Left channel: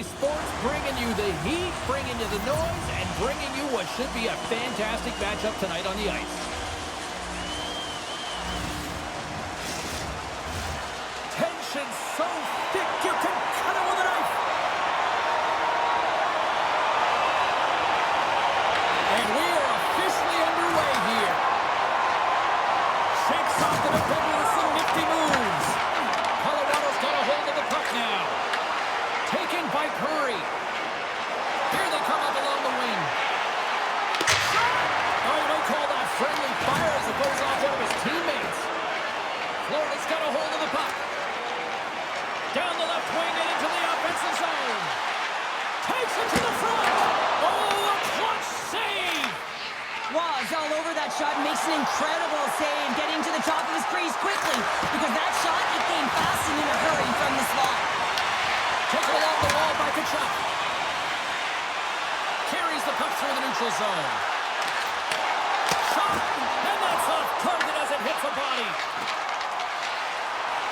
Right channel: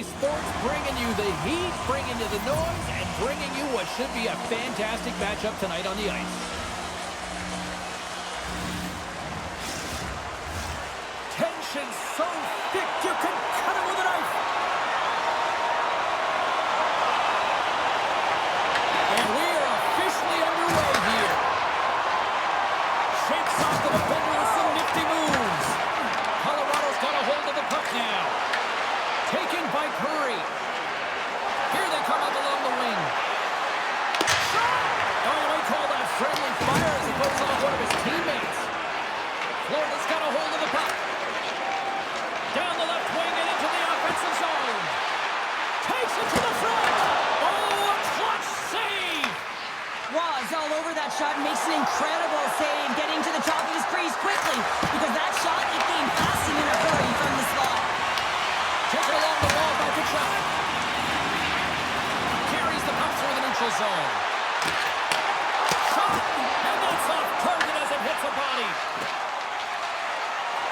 Sports, bringing you the heat, bringing you the noise, and bringing you what should be a fantastic matchup tonight on the ice. Tension so thick you can cut it with a knife. And we are officially underway here. Shakes off the defender with some nifty moves. Colorado's got a hold of the puck now. Taken by Curry. Here they come up along the wing. Shot! Oh, you might call that friendly fire as it goes off one of his teammates. Florida's got a hold of the puck. Down the left wing and into the offensive zone. Takes it to the front. Oh, a clutch save! Waz all over that shot, makes an incredible save, getting to the top of his crease quickly, because that shot, it came fast and in a hurry from the slot. Taken along the wall by Kachuk. Carries the puck through the neutral zone. Shot! And that's off target as it hits a body.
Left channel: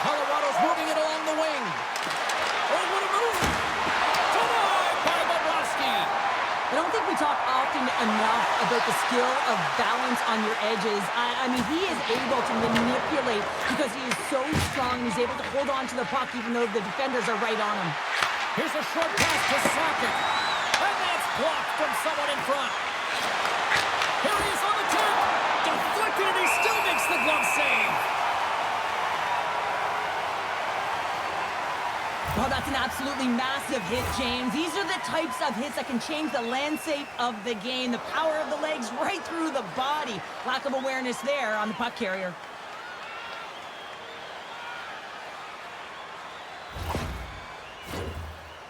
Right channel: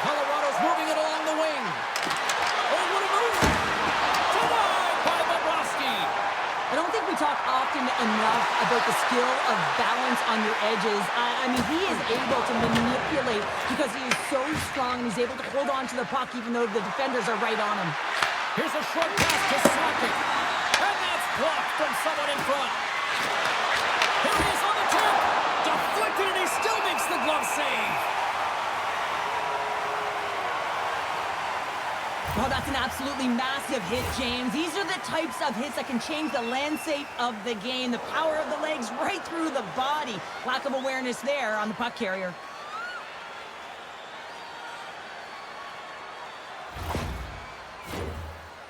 Colorado's moving it along the wing. Oh, what a move! Denied by Bobrovsky. I don't think we talk often enough about the skill of balance on your edges. I mean, he is able to manipulate because he is so strong and he's able to hold on to the puck even though the defenders are right on him. Here's a short pass to Sakic. And that's blocked from someone in front. Here he is on the tip. Deflected and he still makes the glove save. Well, that's an absolutely massive hit, James. These are the types of hits that can change the landscape of the game. The power of the legs right through the body. Lack of awareness there on the puck carrier.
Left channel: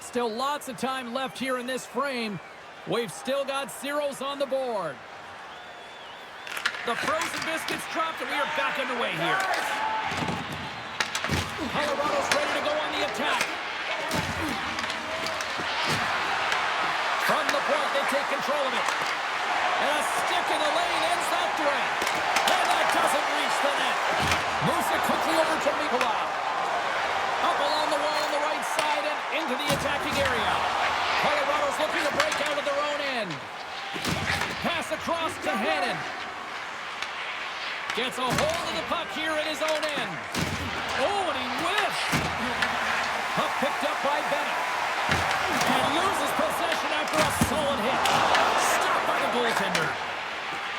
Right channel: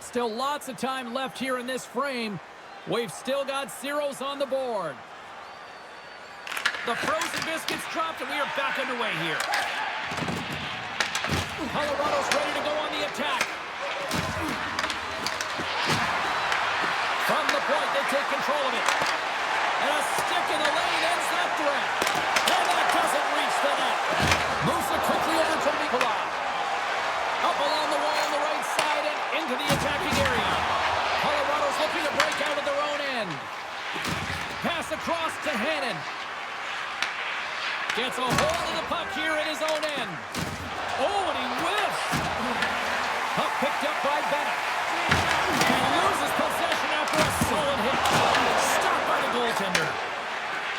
Still lots of time left here in this frame. We've still got zeros on the board. The frozen biscuits dropped and we are back underway here. Colorado's ready to go on the attack. From the point, they take control of it. And a stick in the lane ends that threat. And that doesn't reach the net. Moves it quickly over to Mikula. Up along the wall on the right side and into the attacking area. Colorado's looking to break out of their own end. Pass across to Hannon. Gets a hold of the puck here in his own end. Oh, and he whiffs. Puck picked up by Bennett. And loses possession after a solid hit. Stopped by the goaltender.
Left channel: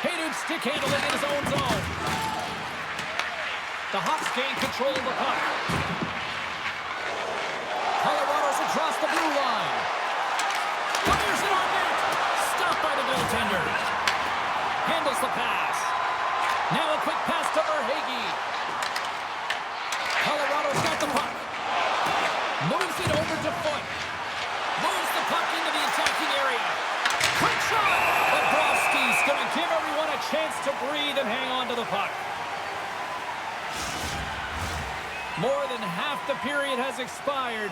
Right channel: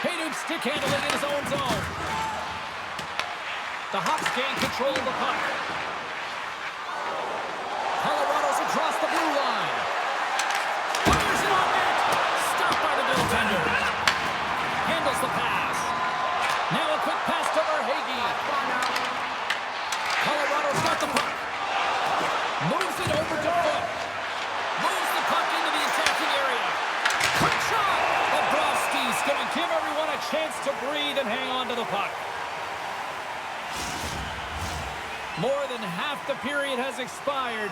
Hayden stick handling in his own zone. The Hawks gain control of the puck. Colorado's across the blue line. Fires it on net. Stopped by the goaltender. Handles the pass. Now a quick pass to Verhaeghe. Colorado's got the puck. Moves it over to Foot. Moves the puck into the attacking area. Quick shot! Bobrovsky's going to give everyone a chance to breathe and hang on to the puck. More than half the period has expired.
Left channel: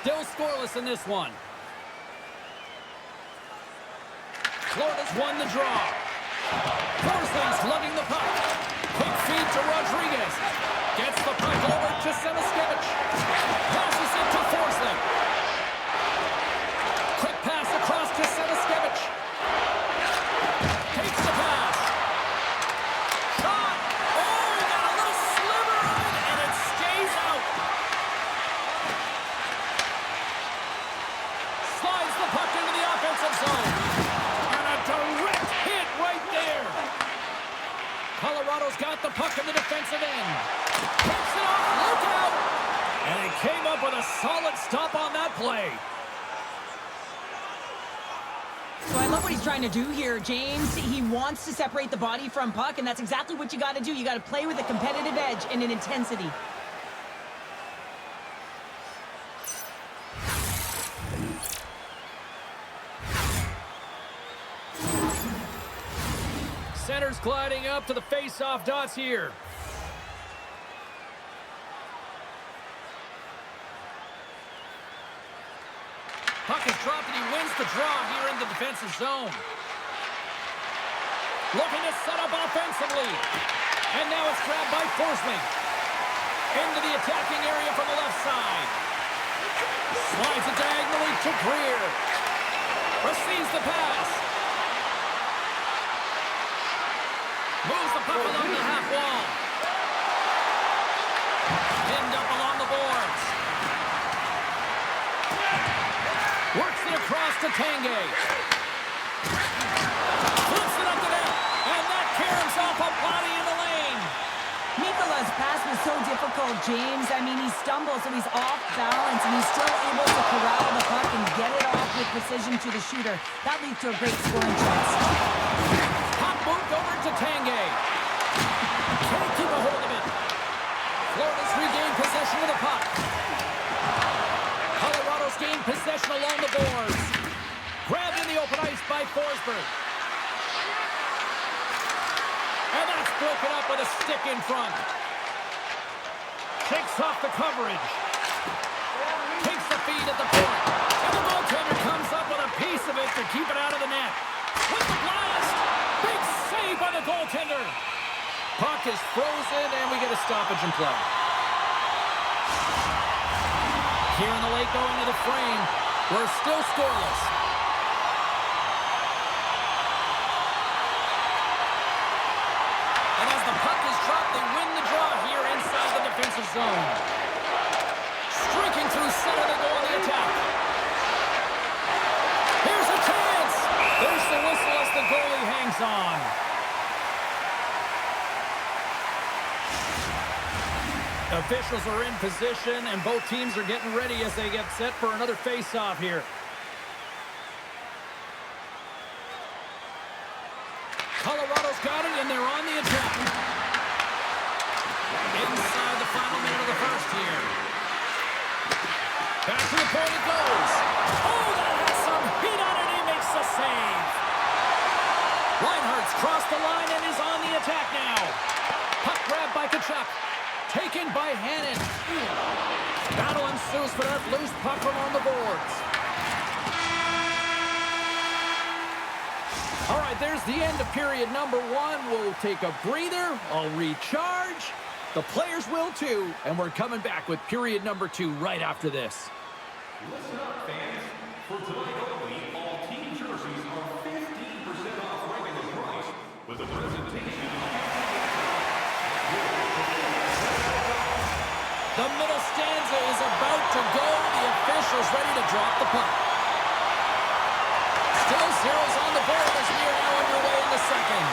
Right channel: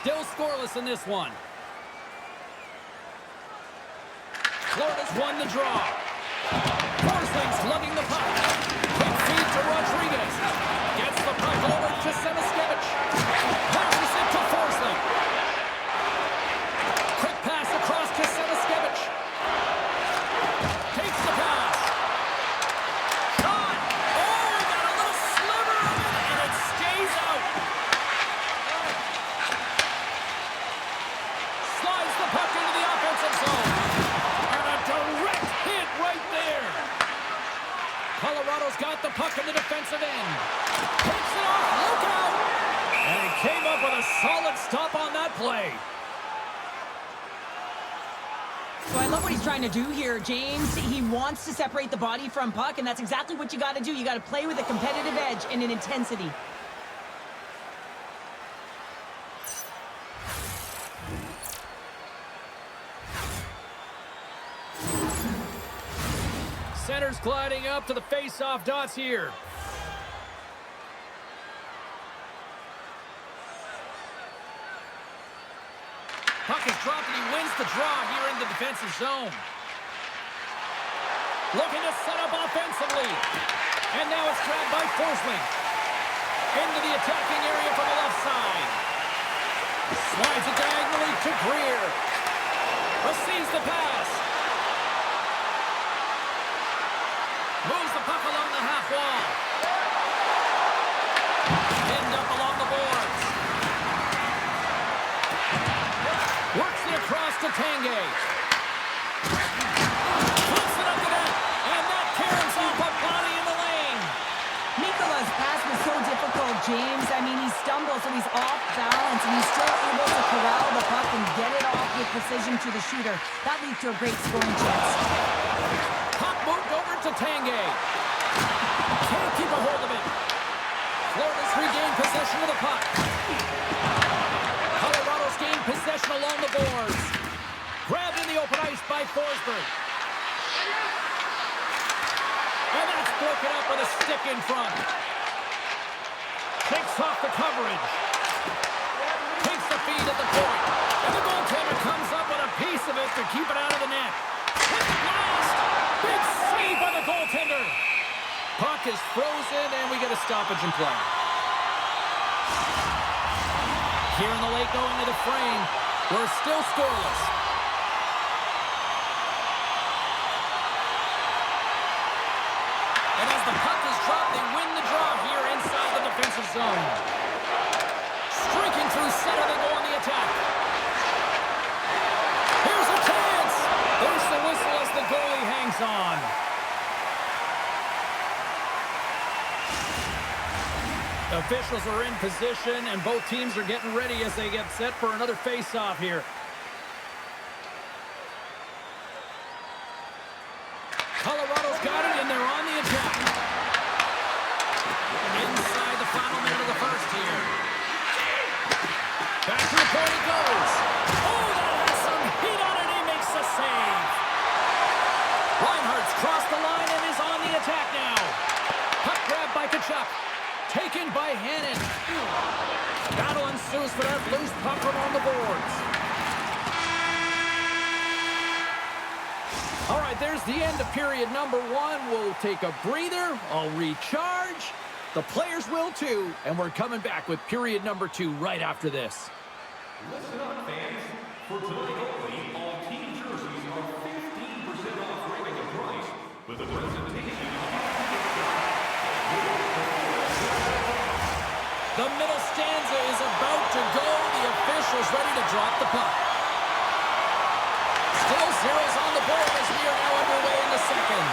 Still scoreless in this one. Florida's won the draw. Forsling's lugging the puck. Quick feed to Rodriguez. Gets the puck over to Semiskevich. Passes it to Forsling. Quick pass across to Semiskevich. Takes the pass. Shot! Oh, he got a little sliver of it, and it stays out. Slides the puck into the offensive zone. And a direct hit right there. Colorado's got the puck in the defensive end. Takes it off, look out! And he came up with a solid stop on that play. So I love what he's trying to do here, James. He wants to separate the body from puck, and that's exactly what you got to do. You got to play with a competitive edge and an intensity. Center's gliding up to the face-off dots here. Puck is dropped and he wins the draw here in the defensive zone. Looking to set up offensively. And now it's grabbed by Forsling. Into the attacking area from the left side. Slides it diagonally to Greer. Receives the pass. Moves the puck along the half wall. Pinned up along the boards. Works it across to Tanguay. Flips it up the net. And that caroms off a body in the lane. Mikola's pass was so difficult, James. I mean, he stumbles, so he's off balance, and he's still able to corral the puck and get it off with precision to the shooter. That leads to a great scoring chance. Puck moved over to Tanguay. Can't keep a hold of it. Florida's regained possession of the puck. Colorado's gained possession along the boards. Grabbed in the open ice by Forsberg. And that's broken up with a stick in front. Takes off the coverage. Takes the feed at the point. And the goaltender comes up with a piece of it to keep it out of the net. With the blast! Big save by the goaltender. Puck is frozen, and we get a stoppage in play. Here in the late going to the frame. We're still scoreless. And as the puck is dropped, they win the draw here inside the defensive zone. Streaking through center, they go on the attack. Here's a chance. There's the whistle as the goalie hangs on. Officials are in position, and both teams are getting ready as they get set for another face-off here. Colorado's got it, and they're on the attack. Inside the final minute of the first here. Back to the point it goes. Oh, that has some heat on it. He makes the save. Reinhardt's crossed the line and is on the attack now. Puck grabbed by Tkachuk. Taken by Hannon. Battle ensues for that loose puck along the boards. All right, there's the end of period number one. We'll take a breather. I'll recharge. The players will too. And we're coming back with period number two right after this. Listen up, fans. For tonight only, all team jerseys are 15% off regular price with a presentation of the middle stanza is about to go. The officials ready to drop the puck. Still zeros on the board as we are now underway in the second.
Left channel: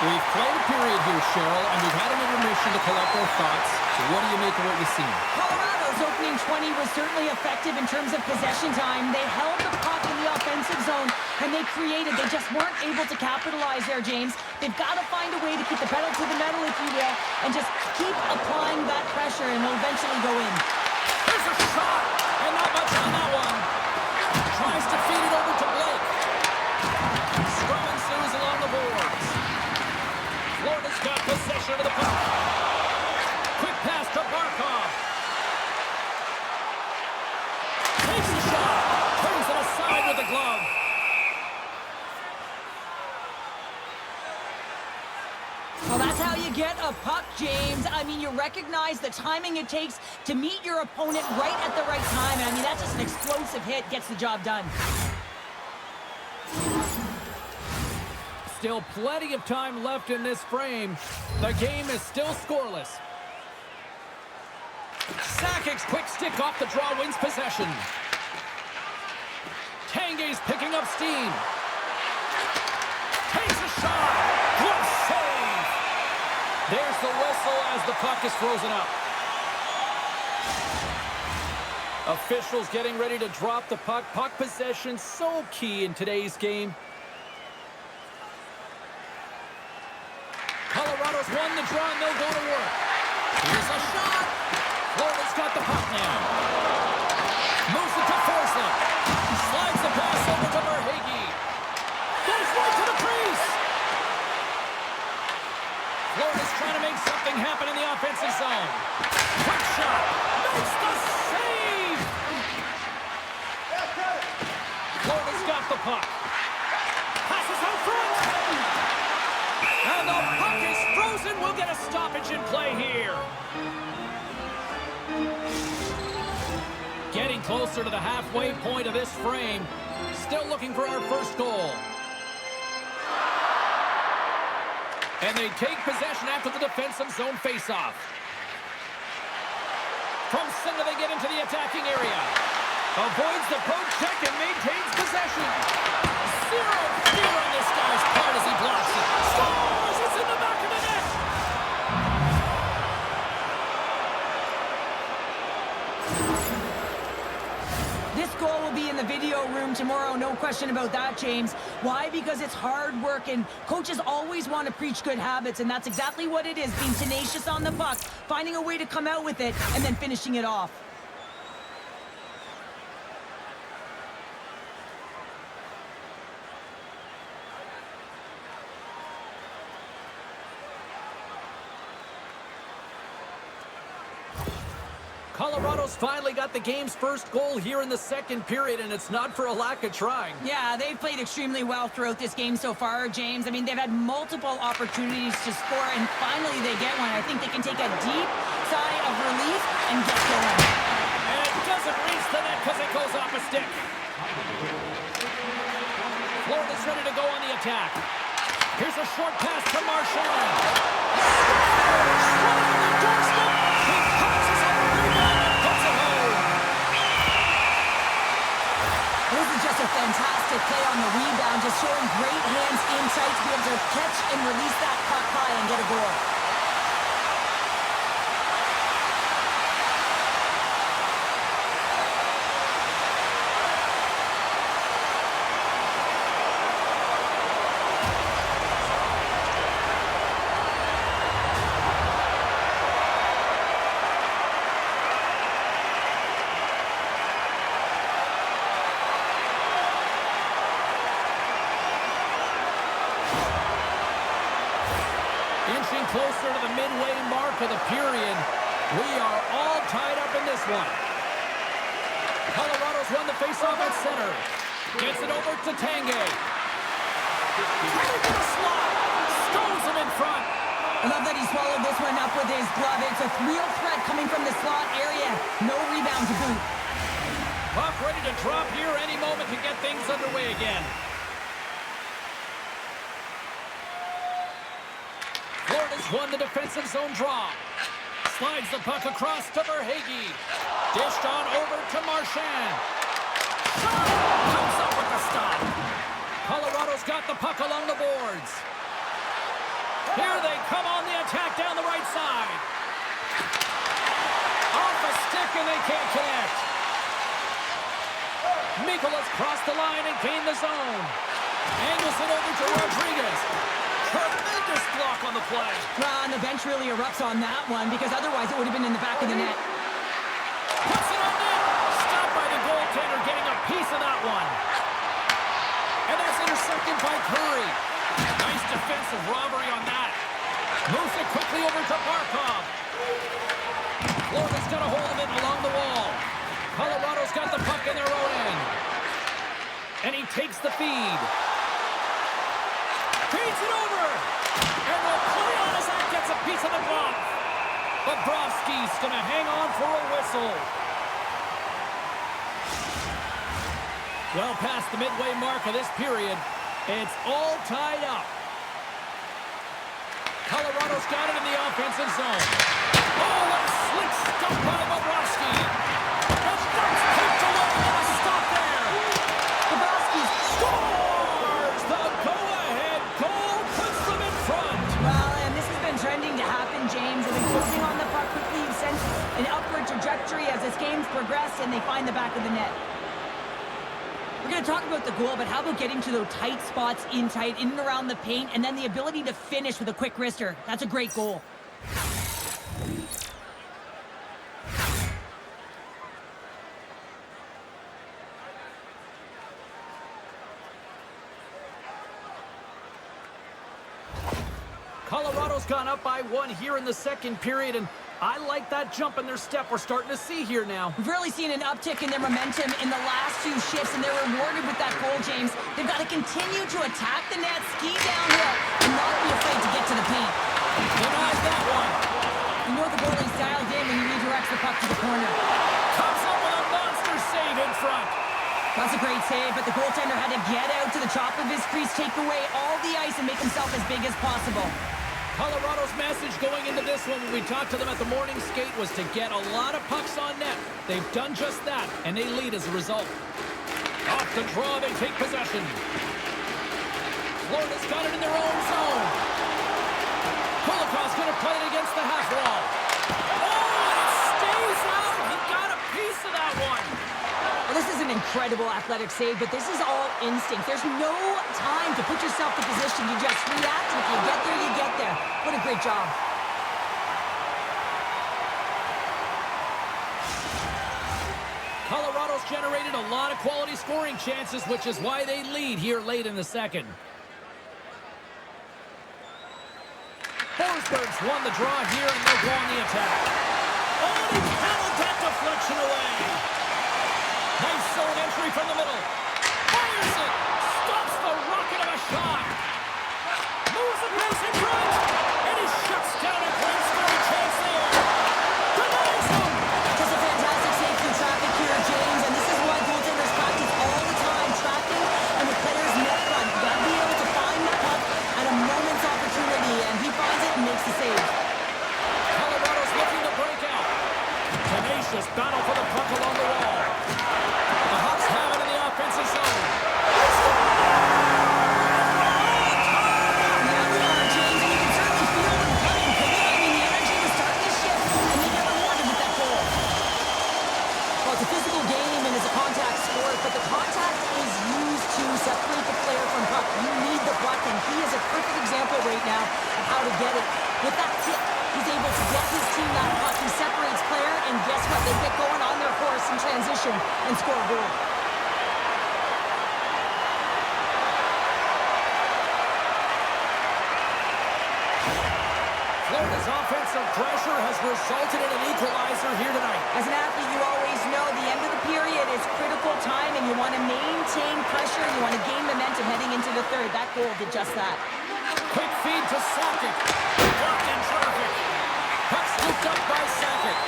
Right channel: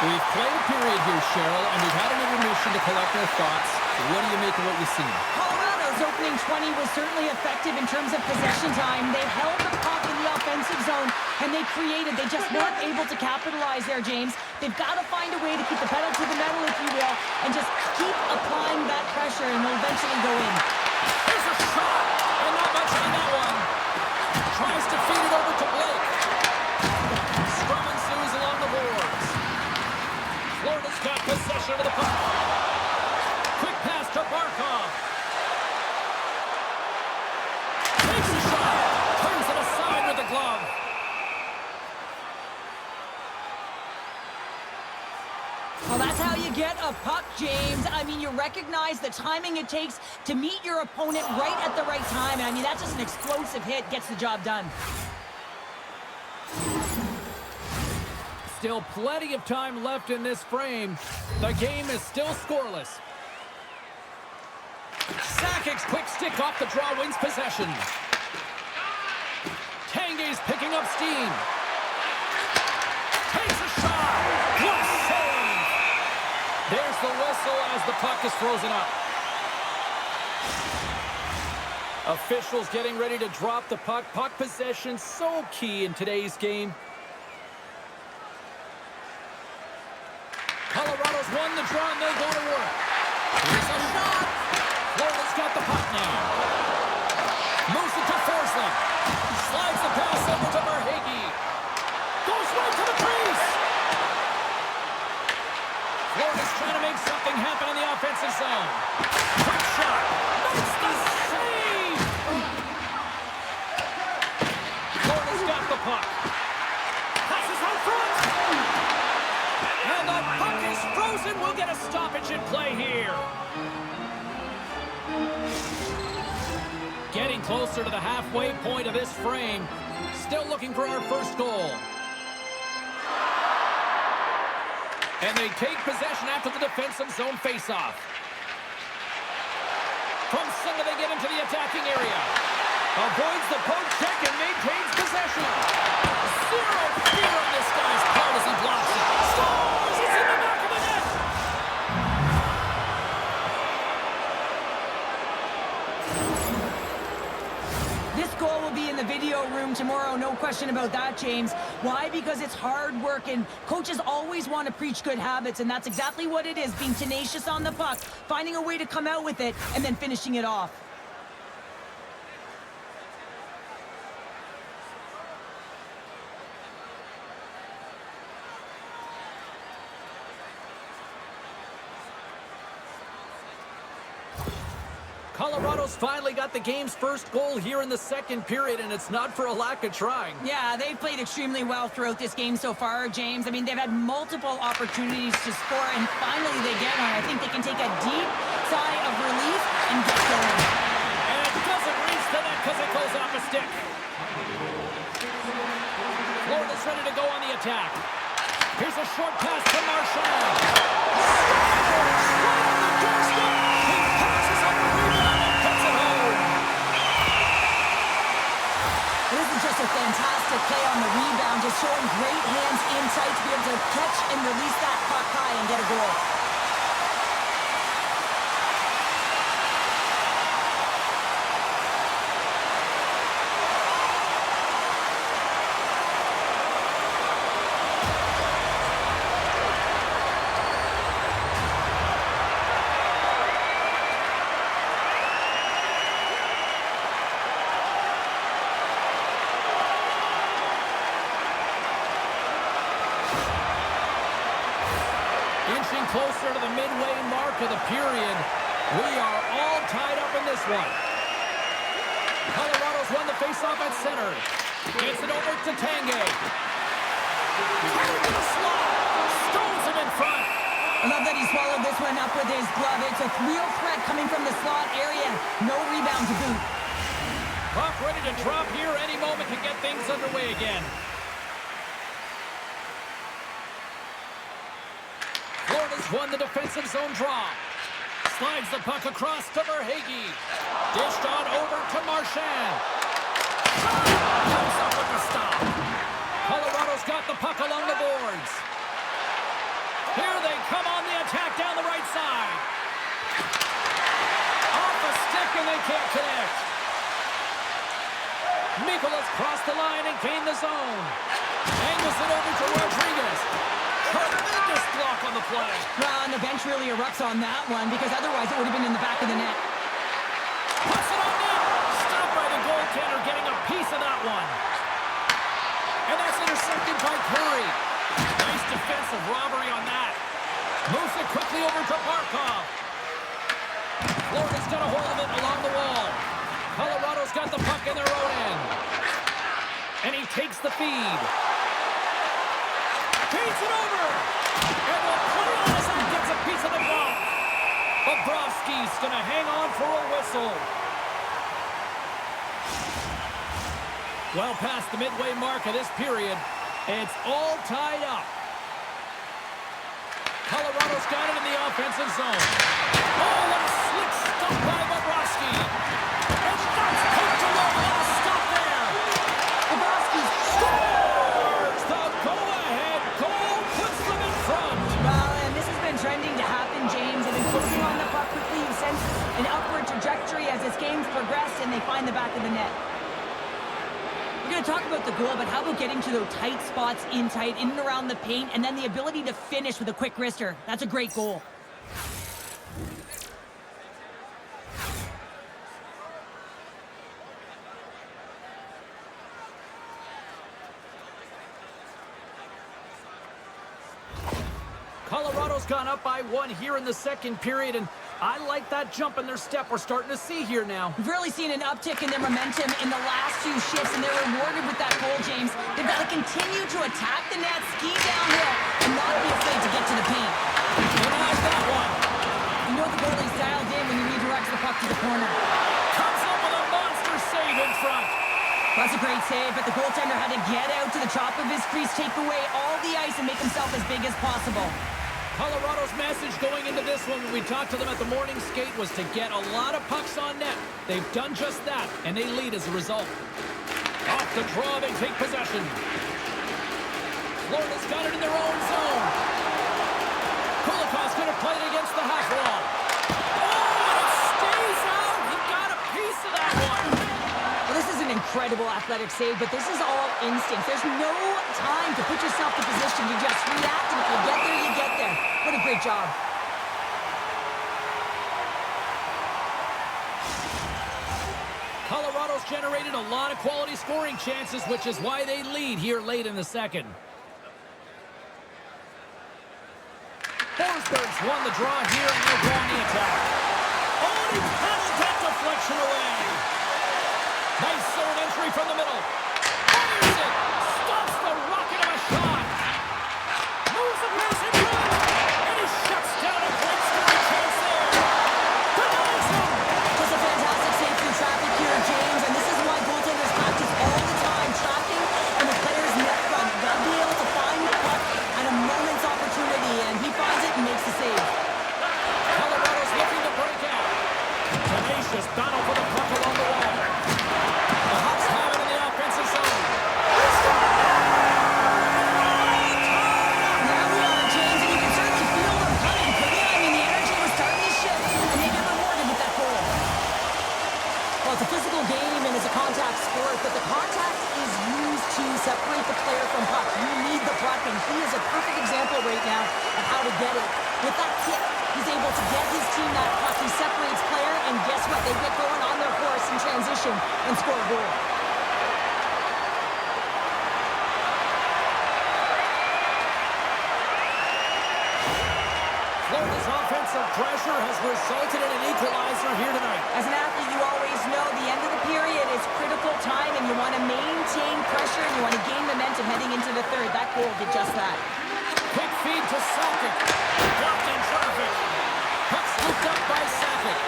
We've played a period here, Cheryl, and we've had an intermission to collect our thoughts. So what do you make of what you've seen? Colorado's opening 20 was certainly effective in terms of possession time. They held the puck in the offensive zone, and they created. They just weren't able to capitalize there, James. They've got to find a way to keep the pedal to the metal, if you will, and just keep applying that pressure, and they'll eventually go in. There's a shot, and not much on that one. Tries to feed it over to Blake. Scrum ensues along the boards. Florida's got possession of the puck. Quick pass to Barkov. Takes a shot. Turns it aside with the glove. Well, that's how you get a puck, James. I mean, you recognize the timing it takes to meet your opponent right at the right time. And I mean, that's just an explosive hit. Gets the job done. Still plenty of time left in this frame. The game is still scoreless. Sakic's quick stick off the draw wins possession. Tanguay's picking up steam. Takes a shot. Glove save. There's the whistle as the puck is frozen up. Officials getting ready to drop the puck. Puck possession so key in today's game. Colorado's won the draw and they'll go to work. Here's a shot. Florida's got the puck now. Moves it to Forsling. Slides the pass over to Verhaeghe. Goes right to the crease. Florida's trying to make something happen in the offensive zone. Quick shot. Makes the save. Florida's got the puck. Passes out front. And the puck is frozen. We'll get a stoppage in play here. Getting closer to the halfway point of this frame. Still looking for our first goal. And they take possession after the defensive zone faceoff. From center, they get into the attacking area. Avoids the poke check and maintains possession. Zero fear on this guy's part as he blocks it. Scores! It's in the back of the net! This goal will be in the video room tomorrow, no question about that, James. Why? Because it's hard work, and coaches always want to preach good habits, and that's exactly what it is, being tenacious on the puck, finding a way to come out with it, and then finishing it off. Colorado's finally got the game's first goal here in the second period, and it's not for a lack of trying. Yeah, they've played extremely well throughout this game so far, James. I mean, they've had multiple opportunities to score, and finally they get one. I think they can take a deep sigh of relief and get going. And it doesn't reach the net because it goes off a stick. Florida's ready to go on the attack. Here's a short pass to Marchand. Right on the doorstep. He passes on the rebound and puts it home. This is just a fantastic play on the rebound, just showing great hands in tight to be able to catch and release that puck high and get a goal. Inching closer to the midway mark of the period. We are all tied up in this one. Colorado's won the faceoff at center. Gets it over to Tanguay. Coming to the slot. Stones him in front. I love that he swallowed this one up with his glove. It's a real threat coming from the slot area. No rebound to boot. Puck ready to drop here any moment to get things underway again. Florida's won the defensive zone draw. Slides the puck across to Verhaeghe. Dished on over to Marchand. Comes up with the stop. Colorado's got the puck along the boards. Here they come on the attack down the right side. Off a stick and they can't connect. Mikola's crossed the line and gained the zone. Angles it over to Rodriguez. Tremendous block on the play. Well, and the bench really erupts on that one because otherwise it would have been in the back of the net. Puts it on net. Stopped by the goaltender, getting a piece of that one. And that's intercepted by Curry. Nice defensive robbery on that. Moves it quickly over to Barkov. Florida's got a hold of it along the wall. Colorado's got the puck in their own end. And he takes the feed. Feeds it over. And will play on as that gets a piece of the block. Bobrovsky's going to hang on for a whistle. Well past the midway mark of this period, it's all tied up. Colorado's got it in the offensive zone. Oh, what a slick stop by Bobrovsky. And that's poked away on a stop there. Bobrovsky Scores! The go-ahead goal puts them in front. Well, and this has been trending to happen, James. They've been closing on the puck quickly. You've sensed an upward trajectory as this game's progressed, and they find the back of the net. We're going to talk about the goal, but how about getting to those tight spots in and around the paint, and then the ability to finish with a quick wrister? That's a great goal. Colorado's gone up by one here in the second period, and I like that jump in their step we're starting to see here now. We've really seen an uptick in their momentum in the last few shifts, and they're rewarded with that goal, James. They've got to continue to attack the net, ski downhill, and not be afraid to get to the paint. Denies that one. You know the goalie's dialed in when he redirects the puck to the corner. Comes up with a monster in front. That's a great save, but the goaltender had to get out to the top of his crease, take away all the ice, and make himself as big as possible. Colorado's message going into this one when we talked to them at the morning skate was to get a lot of pucks on net. They've done just that, and they lead as a result. Off the draw, they take possession. Florida's got it in their own zone. Kulikov's going to play it against the half wall. Oh, and it stays out. He got a piece of that one. Well, this is an incredible athletic save, but this is all instinct. There's no time to put yourself in position. You just react, and if you get there, you get there. What a great job. Colorado's generated a lot of quality scoring chances, which is why they lead here late in the second. Forsberg's won the draw here, and they'll go on the attack. Oh, and he paddled that deflection away. Nice zone entry from the middle. Fires it. Stops the rocket of a shot. Moves the pace in front. And he shuts down a great scoring chance there. Denies him. Just a fantastic save through traffic here, James, and this is why goaltenders practice all the time, tracking and the player's net front. You've got to be able to find the puck at a moment's opportunity, and he finds it and makes the save. Colorado's looking to break out. Tenacious battle for the puck along the wall. The Hawks have it in the offensive zone. Now we are, James, and you can certainly feel them coming, couldn't you? I mean, the energy was starting to shift, and they get rewarded with that goal. Well, it's a physical game and it's a contact sport, but the contact is used to separate the player from puck. You need the puck, and he is a perfect example right now of how to get it. With that tip, he's able to get his team that puck. He separates player, and guess what? They get going on their horse in transition and score a goal. Florida's offensive pressure has resulted in an equalizer here tonight. As an athlete, you always know the end of the period is critical time, and you want to maintain pressure, and you want to gain momentum heading into the third. That goal did just that. Quick feed to Sakic. Blocked in traffic. Puck scooped up by Sakic.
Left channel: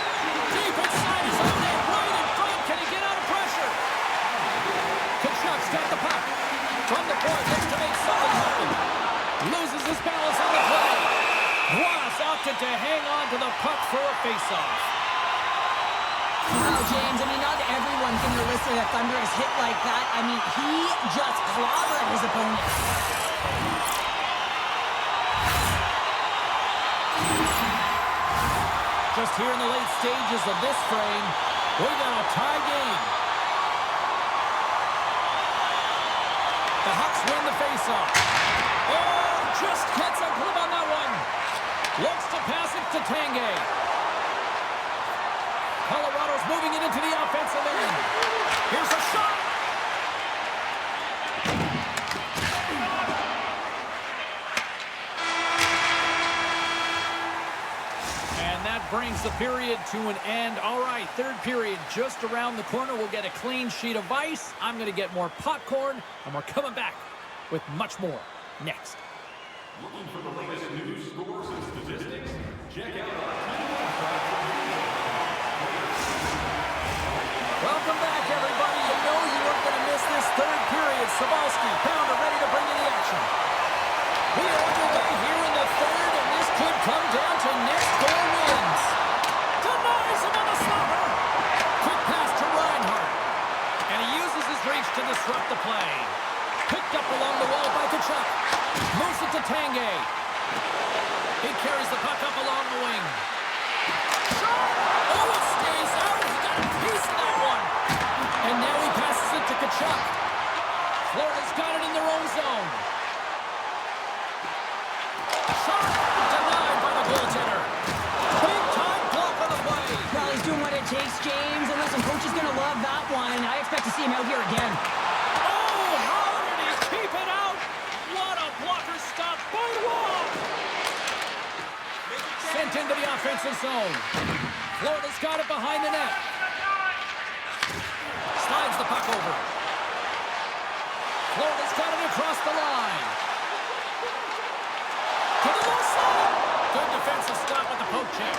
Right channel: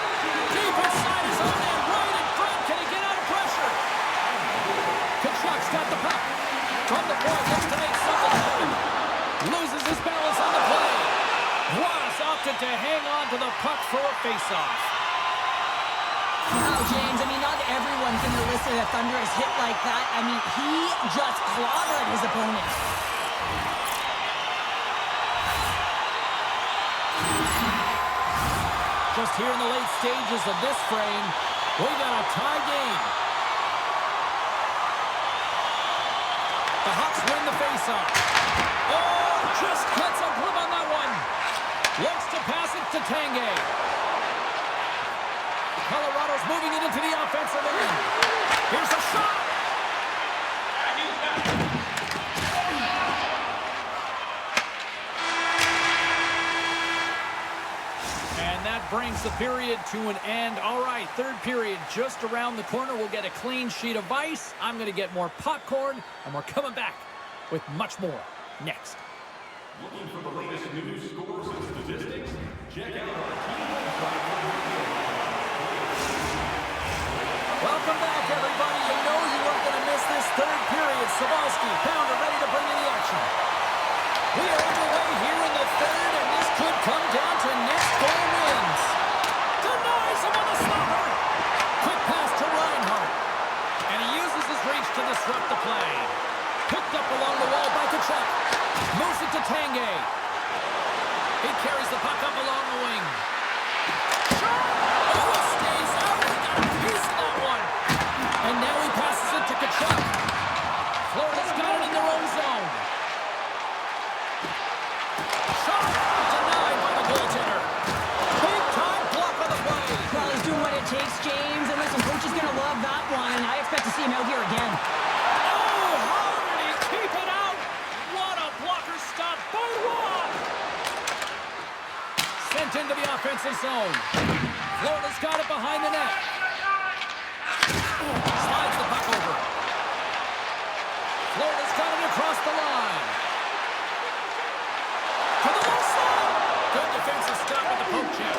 Deep inside his own end, right in front. Can he get out of pressure? Kachuk's got the puck. From the point, looks to make something happen. Loses his balance on the play. Ross opted to hang on to the puck for a face-off. Wow, James, I mean, not everyone can elicit a thunderous hit like that. I mean, he just clobbered his opponent. Just here in the late stages of this frame, we got a tie game. The Hawks win the face-off. Oh, just gets a grip on that one. Looks to pass it to Tanguay. Colorado's moving it into the offensive end. Here's a shot. And that brings the period to an end. All right, third period just around the corner. We'll get a clean sheet of ice. I'm going to get more popcorn, and we're coming back with much more next. Looking for the latest news, scores, and statistics? Check out our team website for video. Welcome back, everybody. You know you weren't going to miss this third period. Sabalski, Pounder ready to bring in the action. We are underway here in the third, and this could come down to next goal wins. Denies him on the slapper. Quick pass to Reinhart. And he uses his reach to disrupt the play. Picked up along the wall by Kachuk. Moves it to Tanguay. He carries the puck up along the wing. Shot! Oh, it stays out. He got a piece of that one. And now he passes it to Kachuk. Florida's got it in their own zone. Shot! Denied by the goaltender. Big time block on the play. Well, he's doing what it takes, James. And listen, coach is going to love that one. I expect to see him out here again. Oh, how did he keep it out? What a blocker stop by Roy. Sent into the offensive zone. Florida's got it behind the net. Slides the puck over. Florida's got it across the line. To the low slot. Good defensive stop with the poke check.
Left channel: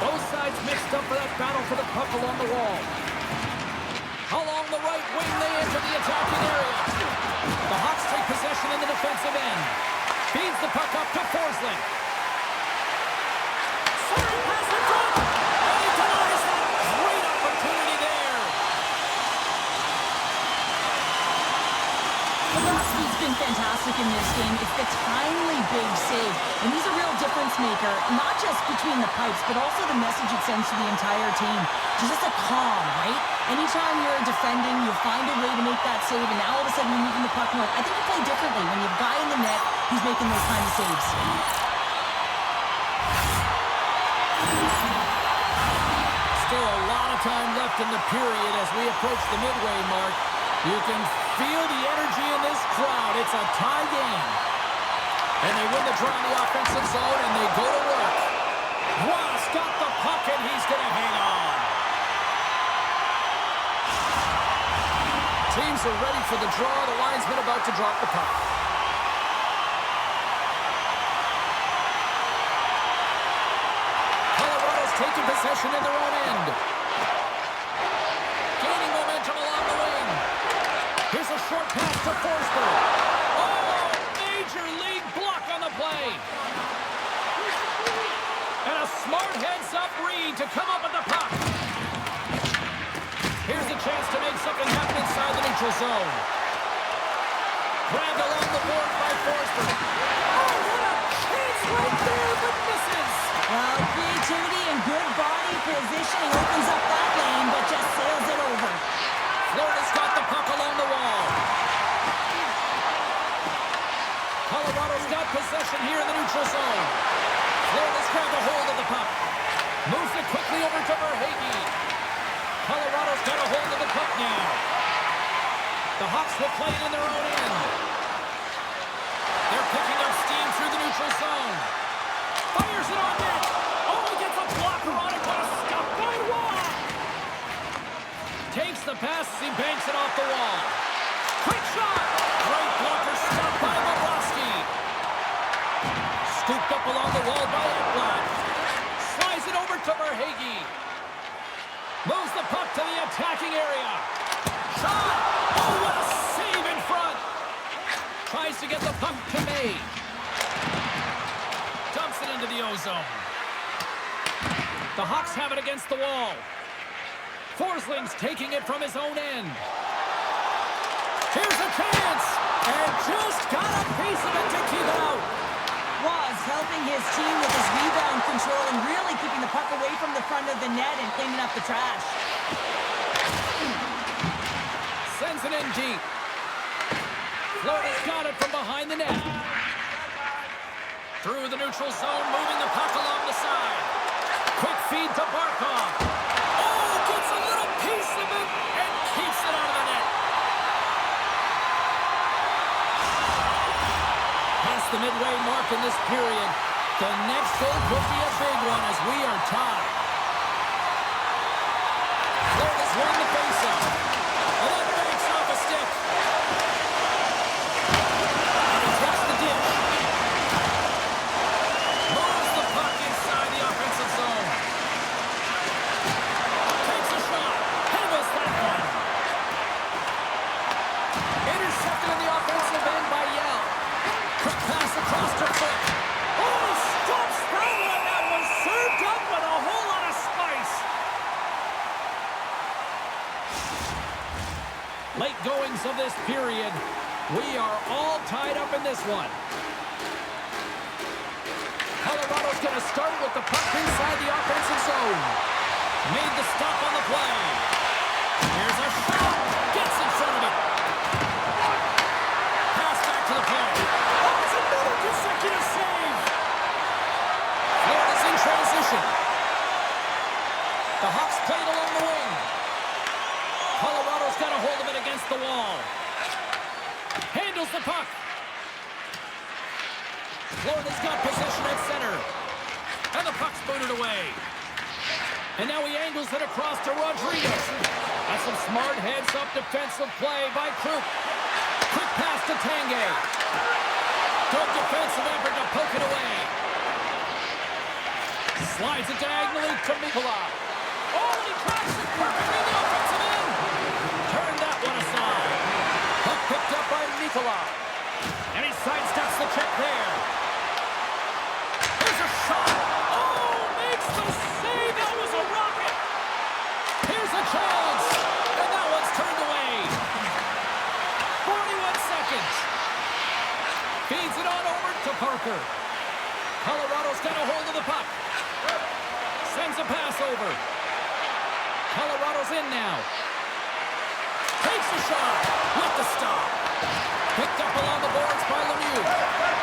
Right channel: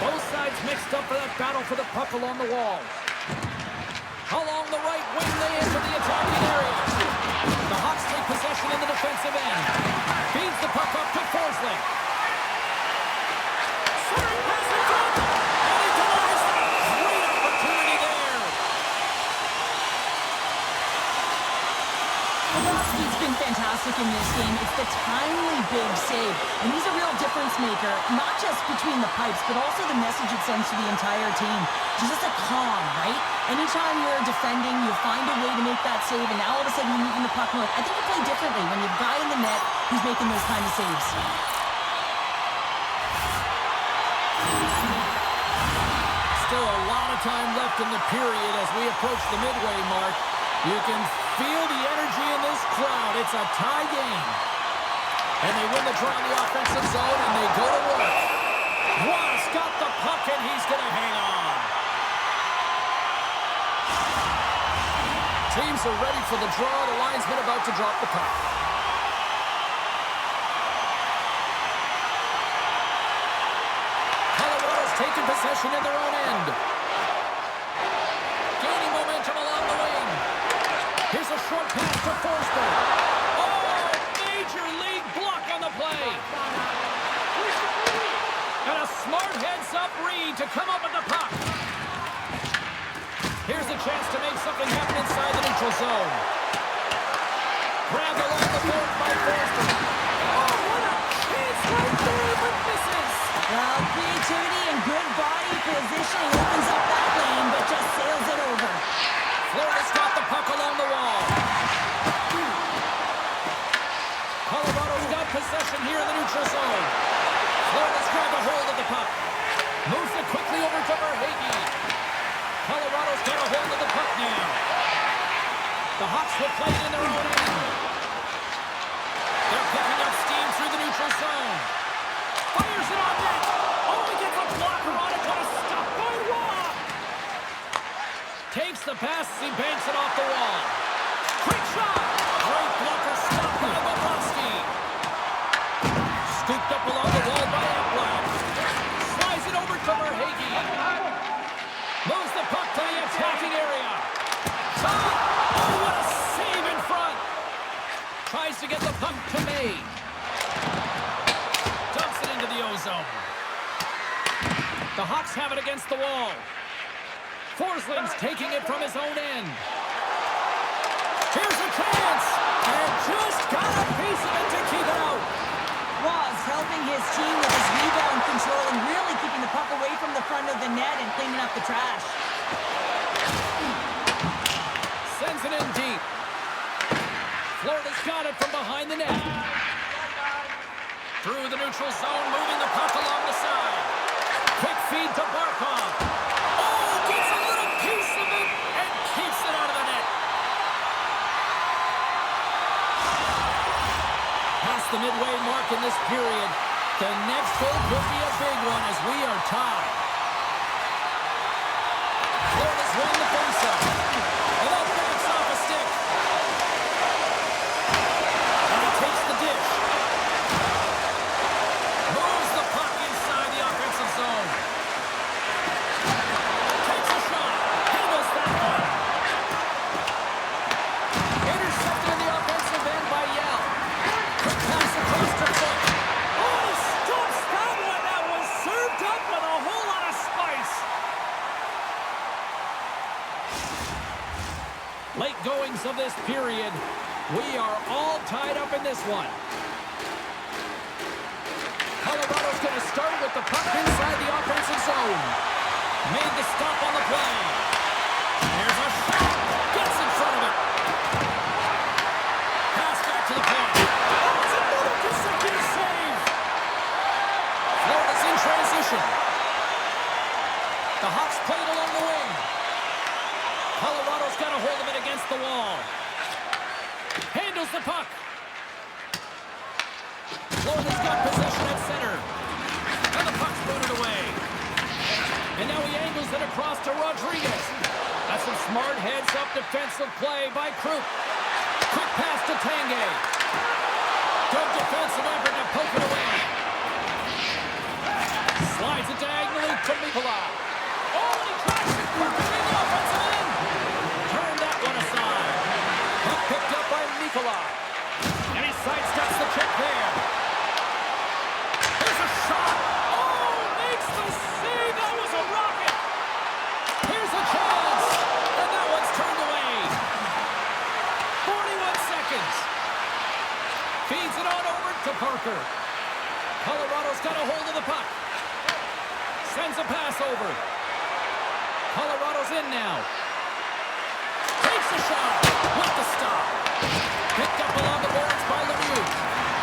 Both sides mixed up for that battle for the puck along the wall. How long the right wing, they enter the attacking area. The Hawks take possession in the defensive end. Feeds the puck up to Forsling. Centering pass in front. And he denies that. Great opportunity there. Bobrovsky's been fantastic in this game. It's the timely big save. And he's a real difference maker, not just between the pipes, but also the message it sends to the entire team. Just a calm, right? Anytime you're defending, you find a way to make that save, and now all of a sudden you're moving the puck north. I think you play differently when you have a guy in the net who's making those kinds of saves. Still a lot of time left in the period as we approach the midway mark. You can feel the energy in this crowd. It's a tie game. And they win the draw in the offensive zone, and they go to work. Ross got the puck, and he's going to hang on. Teams are ready for the draw. The linesman about to drop the puck. Colorado's taking possession in their own end. Gaining momentum along the wing. Here's a short pass to Forsberg. Oh, major league block on the play. And a smart heads-up read to come up with the puck. Here's a chance to make something happen inside the neutral zone. Grabbed along the boards by Forsberg. Oh, what a chance right there, but misses. Well, creativity and good body positioning opens up that lane, but just sails it over. Florida's got the puck along the wall. Colorado's got possession here in the neutral zone. Florida's grabbed a hold of the puck. Moves it quickly over to Verhaeghe. Colorado's got a hold of the puck now. The Hawks will play it in their own end. They're picking up steam through the neutral zone. Fires it on net. Oh, he gets a blocker on it. What a stop by Waugh. Takes the pass as he banks it off the wall. Quick shot. Great blocker stopped by Bobrovsky. Scooped up along the wall by Ekblad. Slides it over to Verhaeghe. Moves the puck to the attacking area. Shot! Oh, what a save in front! Tries to get the puck to May. Dumps it into the ozone. The Hawks have it against the wall. Forsling's taking it from his own end. Here's a chance! And just got a piece of it to keep it out. Was helping his team with his rebound control and really keeping the puck away from the front of the net and cleaning up the trash. Sends it in deep. Florida's got it from behind the net. Through the neutral zone, moving the puck along the side. Quick feed to Barkov. Oh, gets a little piece of it and keeps it out of the net. Past the midway mark in this period. The next goal could be a big one as we are tied. Florida's won the faceoff. And that banks off a stick. And he takes the dish. Moves the puck inside the offensive zone. Takes a shot. Handles that one. Intercepted in the offensive end by Yell. Quick pass across to Foot. Oh, he stops that one. That was served up with a whole lot of spice. Late goings of this period. We are all tied up in this one. Colorado's going to start with the puck inside the offensive zone. Made the stop on the play. Here's a shot. Gets in front of it. Pass back to the point. Oh, it's another consecutive save. Florida's in transition. The Hawks played along the wing. Colorado's got a hold of it against the wall. Handles the puck. Florida's got possession at center. And the puck's booted away. And now he angles it across to Rodriguez. That's some smart heads-up defensive play by Krupp. Quick pass to Tanguay. Good defensive effort to poke it away. Slides it diagonally to Mikula. Oh, and he tracks it perfectly in the offensive end. Turned that Nikolai. And he sidesteps the check there. Here's a shot. Oh, makes the save. That was a rocket. Here's a chance. And that one's turned away. 41 seconds. Feeds it on over to Parker. Colorado's got a hold of the puck. Sends a pass over. Colorado's in now. Takes a shot with the stop. Picked up along the boards by Lemieux.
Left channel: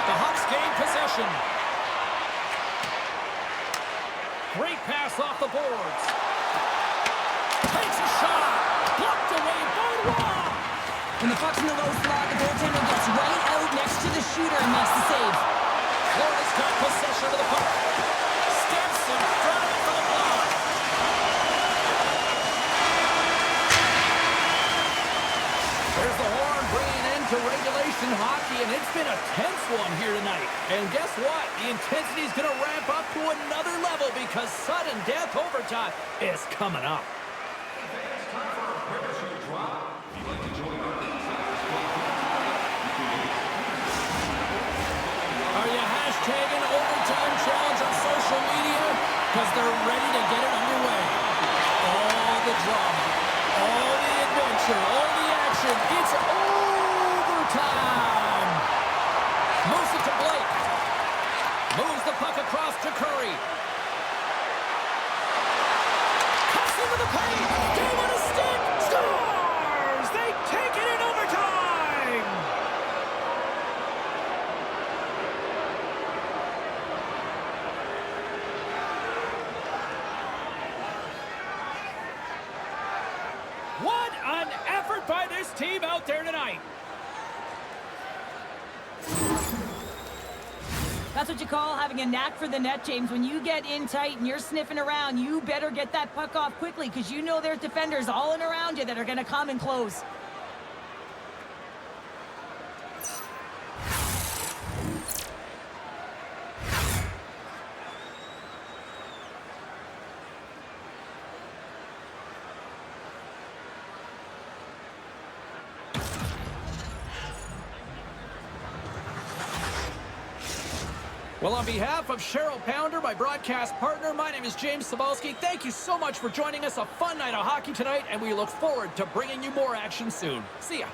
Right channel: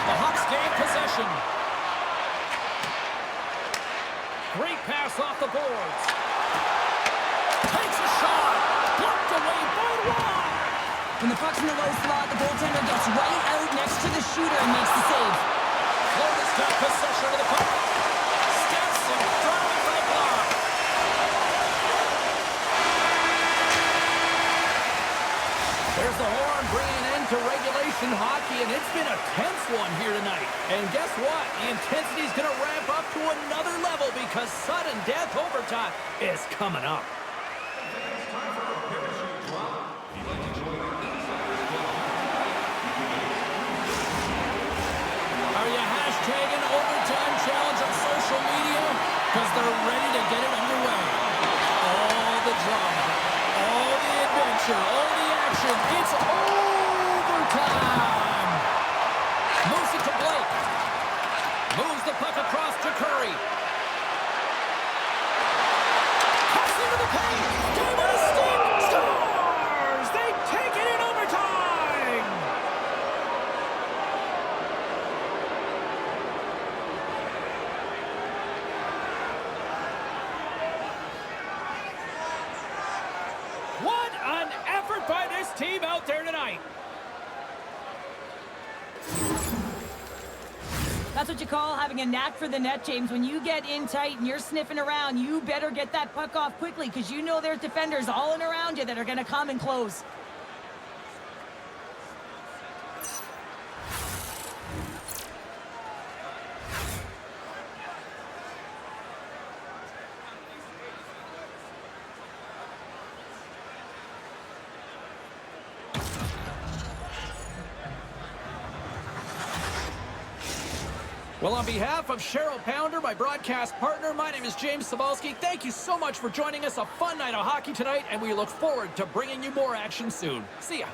The Hawks gain possession. Great pass off the boards. Takes a shot. Blocked away by Roy. When the puck's in the low slot, the goaltender gets right out next to the shooter and makes the save. Florida's got possession of the puck. Steps in front of it for the block. There's the horn bringing an end to regulation hockey, and it's been a tense one here tonight. And guess what? The intensity is going to ramp up to another level because sudden death overtime is coming up. It's time for our parachute drop. If you'd like to join our Insiders Club here tonight, you can get Are you hashtagging overtime challenge on social media? Because they're ready to get it underway. All the drama, all the adventure, all the action. It's overtime. Moves it to Blake. Moves the puck across to Curry. Cuts into the paint. Game on a stick. Scores! They take it in overtime. What an effort by this team out there tonight. That's what you call having a knack for the net, James. When you get in tight and you're sniffing around, you better get that puck off quickly because you know there's defenders all in around you that are going to come and close. Well, on behalf of Cheryl Pounder, my broadcast partner, my name is James Cebulski. Thank you so much for joining us. A fun night of hockey tonight, and we look forward to bringing you more action soon. See ya.